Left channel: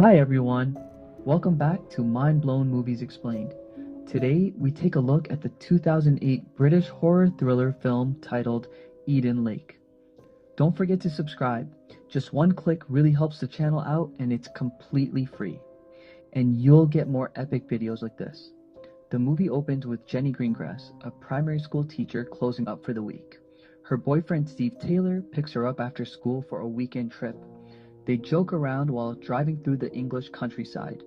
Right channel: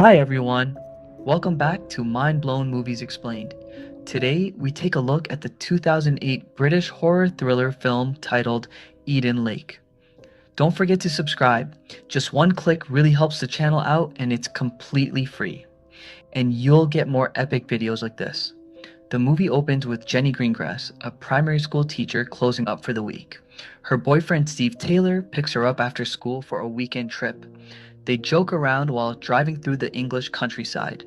Hi everyone, welcome back to Mind Blown Movies Explained. Today we take a look at the 2008 British horror thriller film titled Eden Lake. Don't forget to subscribe. Just one click really helps the channel out and it's completely free. And you'll get more epic videos like this. The movie opens with Jenny Greengrass, a primary school teacher closing up for the week. Her boyfriend Steve Taylor picks her up after school for a weekend trip. They joke around while driving through the English countryside.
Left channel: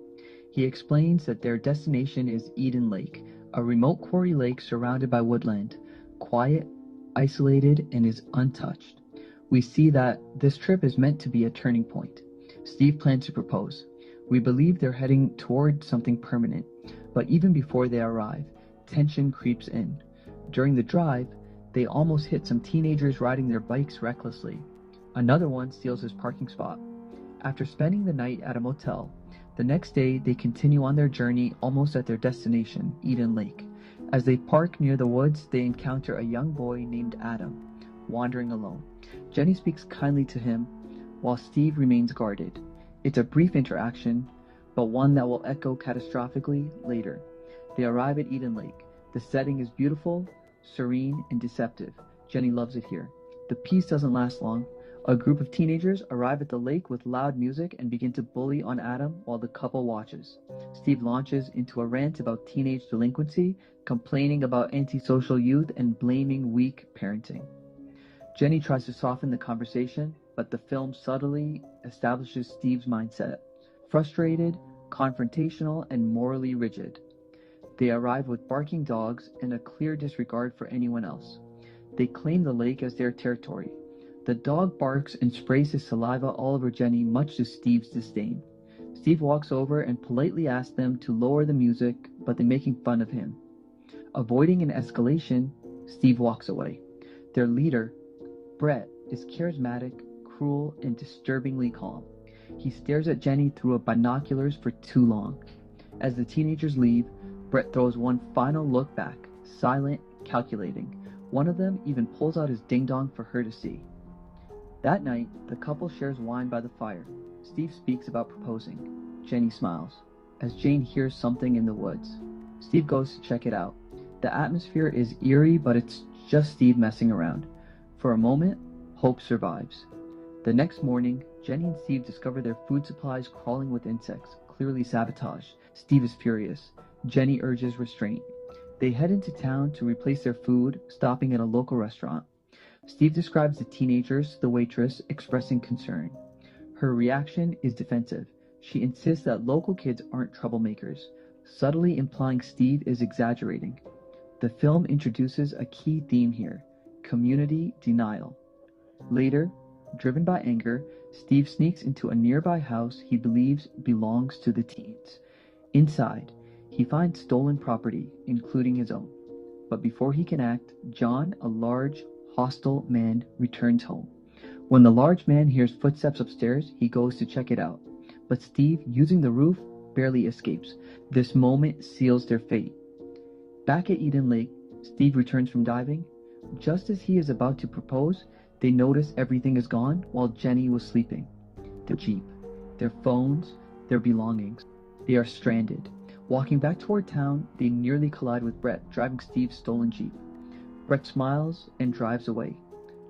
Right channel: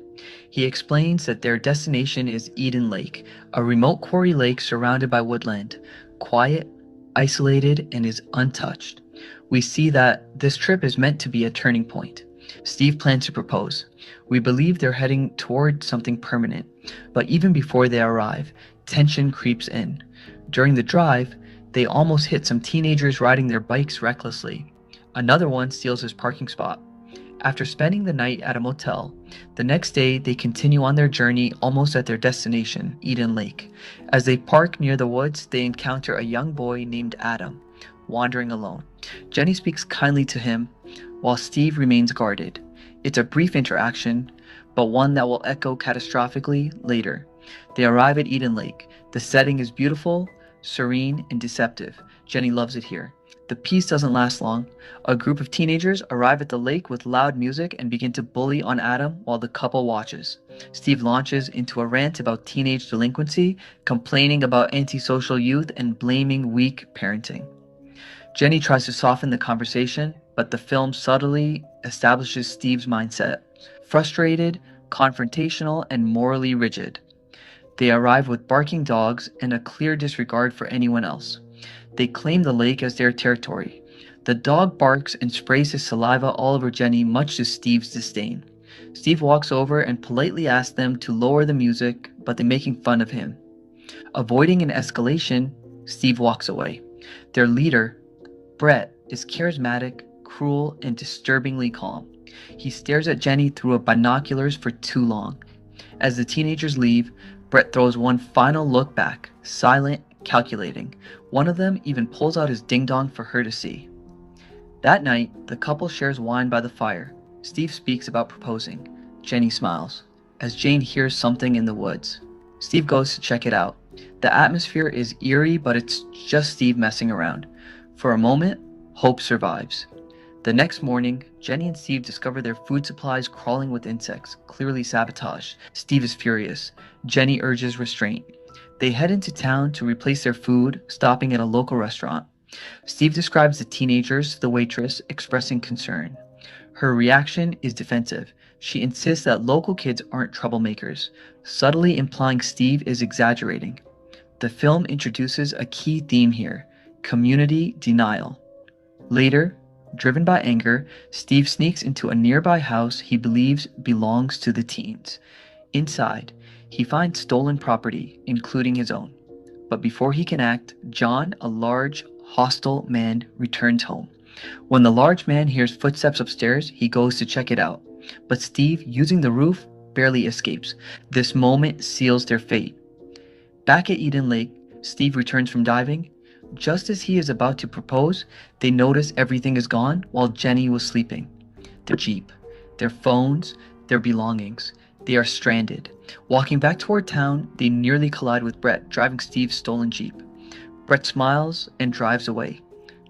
He explains that their destination is Eden Lake, a remote quarry lake surrounded by woodland, quiet, isolated, and is untouched. We see that this trip is meant to be a turning point. Steve plans to propose. We believe they're heading toward something permanent, but even before they arrive, tension creeps in. During the drive, they almost hit some teenagers riding their bikes recklessly. Another one steals his parking spot. After spending the night at a motel, the next day they continue on their journey almost at their destination, Eden Lake. As they park near the woods, they encounter a young boy named Adam, wandering alone. Jenny speaks kindly to him, while Steve remains guarded. It's a brief interaction, but one that will echo catastrophically later. They arrive at Eden Lake. The setting is beautiful, serene, and deceptive. Jenny loves it here. The peace doesn't last long. A group of teenagers arrive at the lake with loud music and begin to bully on Adam while the couple watches. Steve launches into a rant about teenage delinquency, complaining about antisocial youth and blaming weak parenting. Jenny tries to soften the conversation, but the film subtly establishes Steve's mindset: frustrated, confrontational, and morally rigid. They arrive with barking dogs and a clear disregard for anyone else. They claim the lake as their territory. The dog barks and sprays his saliva all over Jenny, much to Steve's disdain. Steve walks over and politely asks them to lower the music, but they're making fun of him. Avoiding an escalation, Steve walks away. Their leader, Brett, is charismatic, cruel, and disturbingly calm. He stares at Jenny through binoculars for too long. As the teenagers leave, Brett throws one final look back, silent, calculating. One of them even pulls out his ding-dong for her to see. That night, the couple shares wine by the fire. Steve speaks about proposing. Jenny smiles, as Jane hears something in the woods. Steve goes to check it out. The atmosphere is eerie, but it's just Steve messing around. For a moment, hope survives. The next morning, Jenny and Steve discover their food supplies crawling with insects, clearly sabotaged. Steve is furious. Jenny urges restraint. They head into town to replace their food, stopping at a local restaurant. Steve describes the teenagers to the waitress, expressing concern. Her reaction is defensive. She insists that local kids aren't troublemakers, subtly implying Steve is exaggerating. The film introduces a key theme here: community denial. Later, driven by anger, Steve sneaks into a nearby house he believes belongs to the teens. Inside, he finds stolen property, including his own. But before he can act, John, a large, hostile man, returns home. When the large man hears footsteps upstairs, he goes to check it out. But Steve, using the roof, barely escapes. This moment seals their fate. Back at Eden Lake, Steve returns from diving. Just as he is about to propose, they notice everything is gone while Jenny was sleeping. Their Jeep, their phones, their belongings. They are stranded. Walking back toward town, they nearly collide with Brett, driving Steve's stolen Jeep. Brett smiles and drives away.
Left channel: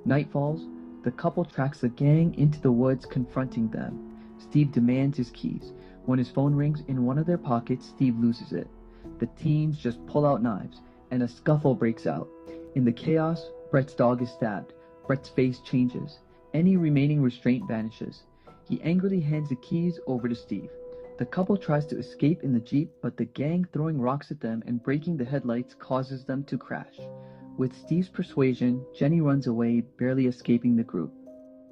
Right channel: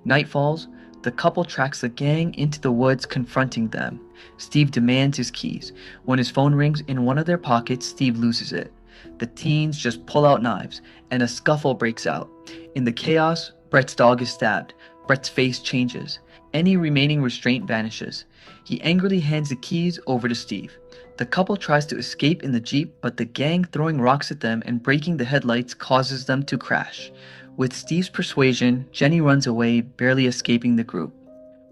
Night falls. The couple tracks the gang into the woods, confronting them. Steve demands his keys. When his phone rings in one of their pockets, Steve loses it. The teens just pull out knives, and a scuffle breaks out. In the chaos, Brett's dog is stabbed. Brett's face changes. Any remaining restraint vanishes. He angrily hands the keys over to Steve. The couple tries to escape in the Jeep, but the gang throwing rocks at them and breaking the headlights causes them to crash. With Steve's persuasion, Jenny runs away, barely escaping the group.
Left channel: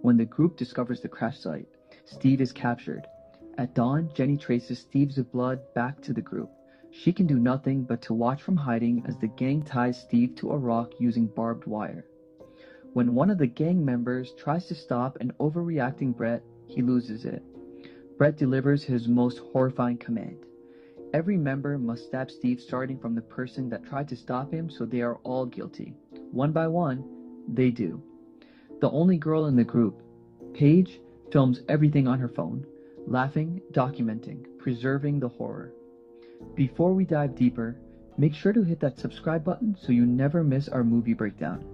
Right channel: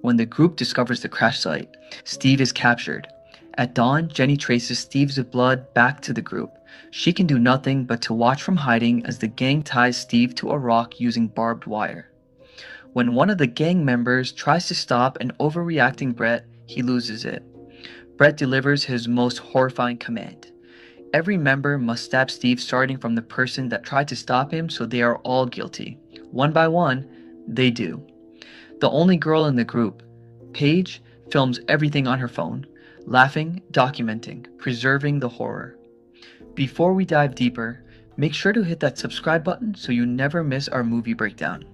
When the group discovers the crash site, Steve is captured. At dawn, Jenny traces Steve's blood back to the group. She can do nothing but to watch from hiding as the gang ties Steve to a rock using barbed wire. When one of the gang members tries to stop an overreacting Brett, he loses it. Brett delivers his most horrifying command. Every member must stab Steve, starting from the person that tried to stop him, so they are all guilty. One by one, they do. The only girl in the group, Paige, films everything on her phone. Laughing, documenting, preserving the horror. Before we dive deeper, make sure to hit that subscribe button so you never miss our movie breakdown.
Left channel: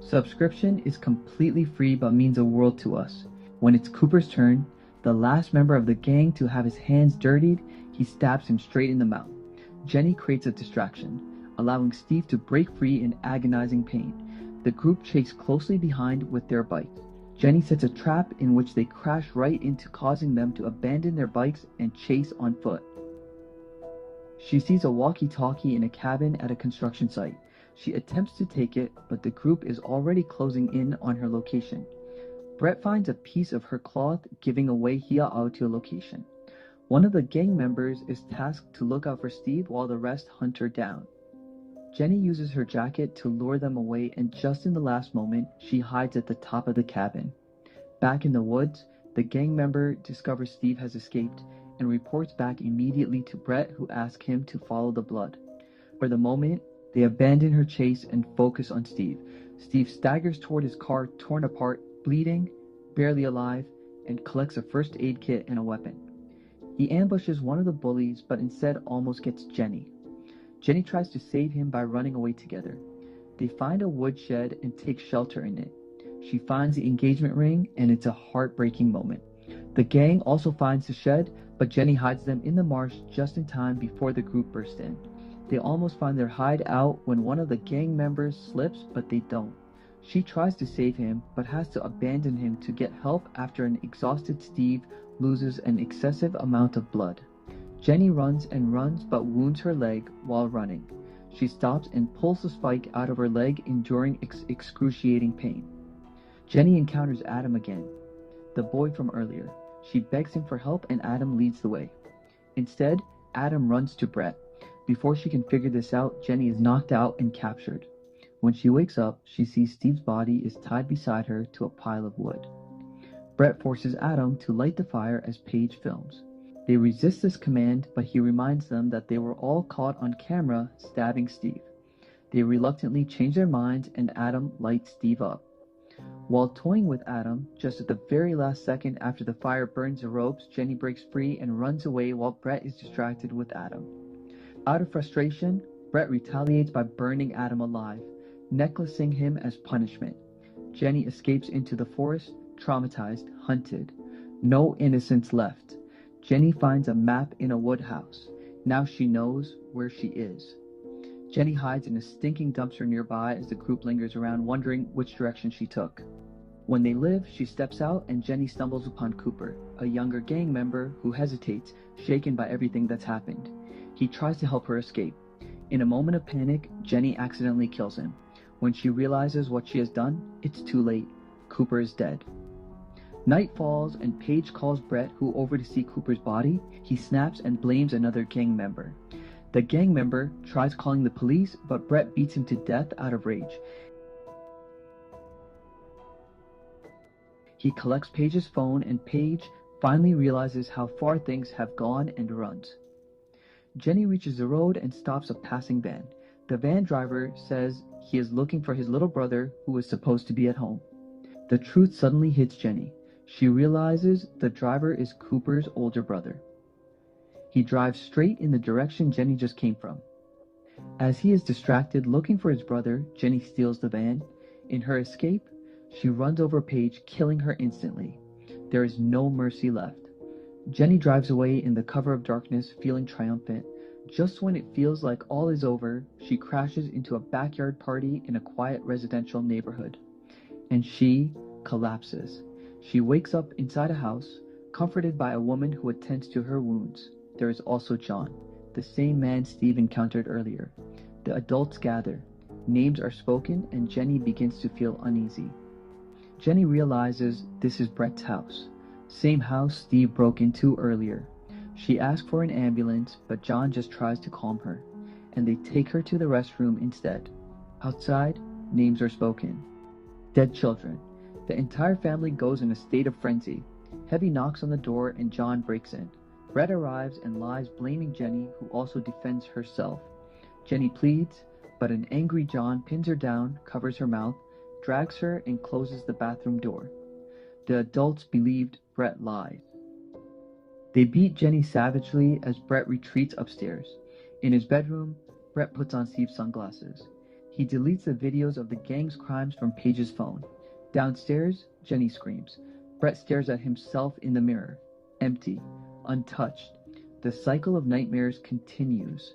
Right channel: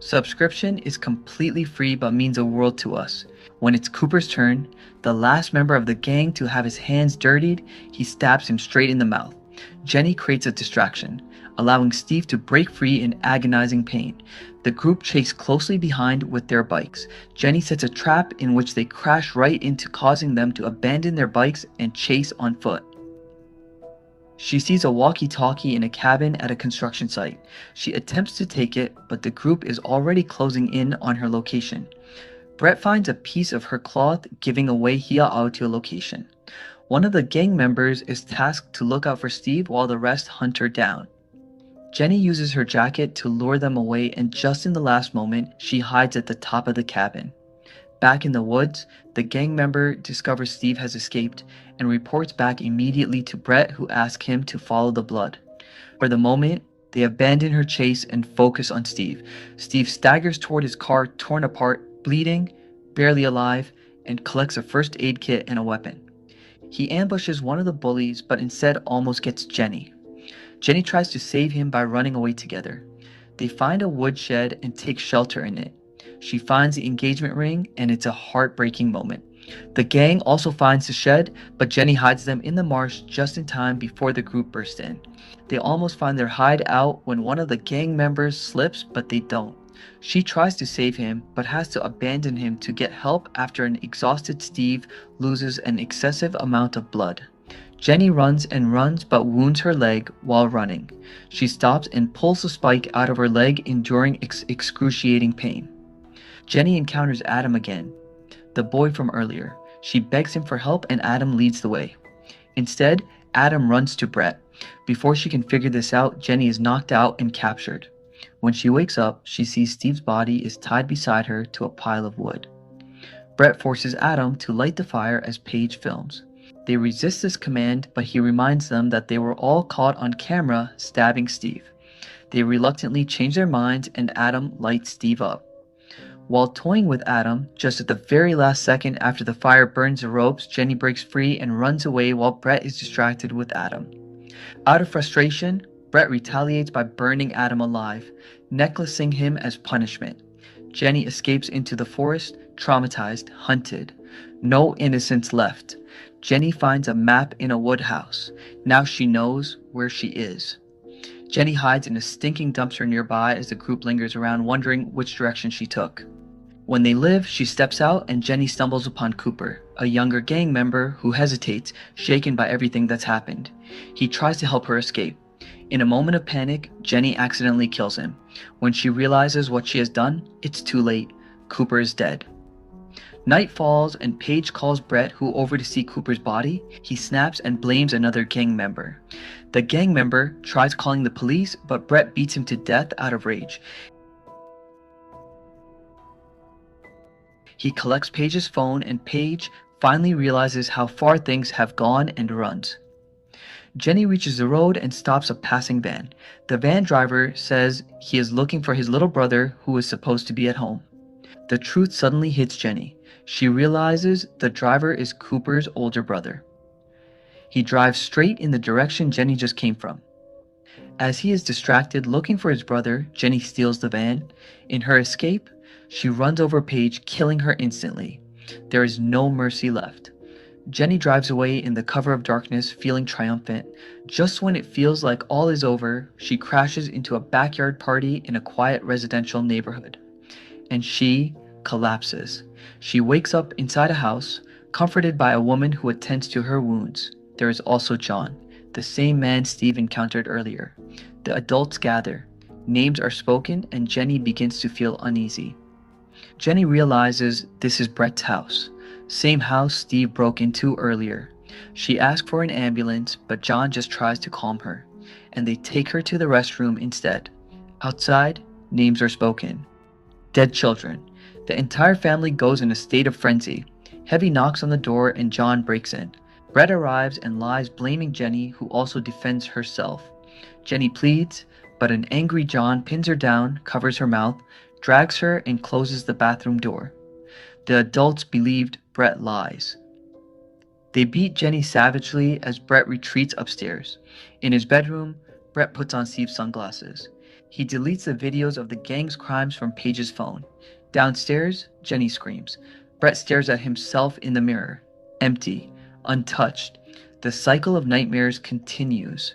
Subscription is completely free but means a world to us. When it's Cooper's turn, the last member of the gang to have his hands dirtied, he stabs him straight in the mouth. Jenny creates a distraction, allowing Steve to break free in agonizing pain. The group chase closely behind with their bikes. Jenny sets a trap in which they crash right into, causing them to abandon their bikes and chase on foot. She sees a walkie-talkie in a cabin at a construction site. She attempts to take it, but the group is already closing in on her location. Brett finds a piece of her cloth, giving away Hia'au's location. One of the gang members is tasked to look out for Steve while the rest hunt her down. Jenny uses her jacket to lure them away, and just in the last moment, she hides at the top of the cabin. Back in the woods, the gang member discovers Steve has escaped and reports back immediately to Brett, who asks him to follow the blood. For the moment, they abandon her chase and focus on Steve. Steve staggers toward his car, torn apart, bleeding, barely alive, and collects a first aid kit and a weapon. He ambushes one of the bullies, but instead almost gets Jenny. Jenny tries to save him by running away together. They find a woodshed and take shelter in it. She finds the engagement ring, and it's a heartbreaking moment. The gang also finds the shed, but Jenny hides them in the marsh just in time before the group bursts in. They almost find their hideout when one of the gang members slips, but they don't. She tries to save him, but has to abandon him to get help after an exhausted Steve loses an excessive amount of blood. Jenny runs and runs but wounds her leg while running. She stops and pulls the spike out of her leg, enduring excruciating pain. Jenny encounters Adam again, the boy from earlier. She begs him for help and Adam leads the way. Instead, Adam runs to Brett. Before she can figure this out, Jenny is knocked out and captured. When she wakes up, she sees Steve's body is tied beside her to a pile of wood. Brett forces Adam to light the fire as Paige films. They resist this command, but he reminds them that they were all caught on camera stabbing Steve. They reluctantly change their minds and Adam lights Steve up. While toying with Adam, just at the very last second after the fire burns the ropes, Jenny breaks free and runs away while Brett is distracted with Adam. Out of frustration, Brett retaliates by burning Adam alive, necklacing him as punishment. Jenny escapes into the forest, traumatized, hunted. No innocence left. Jenny finds a map in a woodhouse. Now she knows where she is. Jenny hides in a stinking dumpster nearby as the group lingers around, wondering which direction she took. When they live, she steps out and Jenny stumbles upon Cooper, a younger gang member who hesitates, shaken by everything that's happened. He tries to help her escape. In a moment of panic, Jenny accidentally kills him. When she realizes what she has done, it's too late. Cooper is dead. Night falls and Paige calls Brett, who over to see Cooper's body. He snaps and blames another gang member. The gang member tries calling the police, but Brett beats him to death out of rage. He collects Paige's phone and Paige finally realizes how far things have gone and runs. Jenny reaches the road and stops a passing van. The van driver says he is looking for his little brother who is supposed to be at home. The truth suddenly hits Jenny. She realizes the driver is Cooper's older brother. He drives straight in the direction Jenny just came from. As he is distracted looking for his brother, Jenny steals the van. In her escape, she runs over Paige, killing her instantly. There is no mercy left. Jenny drives away in the cover of darkness, feeling triumphant. Just when it feels like all is over, she crashes into a backyard party in a quiet residential neighborhood. And she collapses. She wakes up inside a house, comforted by a woman who attends to her wounds. There is also John, the same man Steve encountered earlier. The adults gather. Names are spoken, and Jenny begins to feel uneasy. Jenny realizes this is Brett's house. Same house Steve broke into earlier. She asks for an ambulance, but John just tries to calm her, and they take her to the restroom instead. Outside, names are spoken. Dead children. The entire family goes in a state of frenzy. Heavy knocks on the door and John breaks in. Brett arrives and lies blaming Jenny, who also defends herself. Jenny pleads, but an angry John pins her down, covers her mouth, drags her, and closes the bathroom door. The adults believed Brett lies. They beat Jenny savagely as Brett retreats upstairs. In his bedroom, Brett puts on Steve's sunglasses. He deletes the videos of the gang's crimes from Paige's phone. Downstairs, Jenny screams. Brett stares at himself in the mirror, empty, untouched. The cycle of nightmares continues.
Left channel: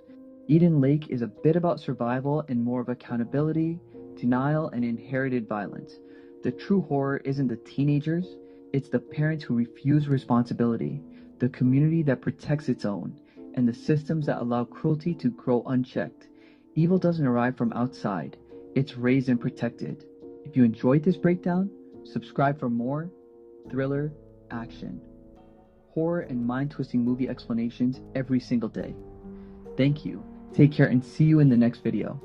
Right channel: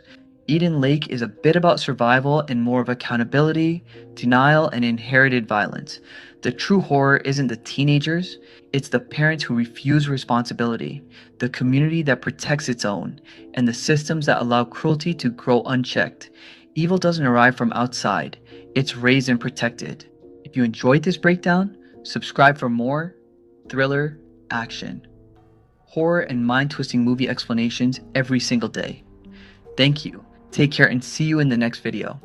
Eden Lake is a bit about survival and more of accountability, denial, and inherited violence. The true horror isn't the teenagers, it's the parents who refuse responsibility, the community that protects its own, and the systems that allow cruelty to grow unchecked. Evil doesn't arrive from outside, it's raised and protected. If you enjoyed this breakdown, subscribe for more thriller, action, horror, and mind twisting movie explanations every single day. Thank you. Take care and see you in the next video.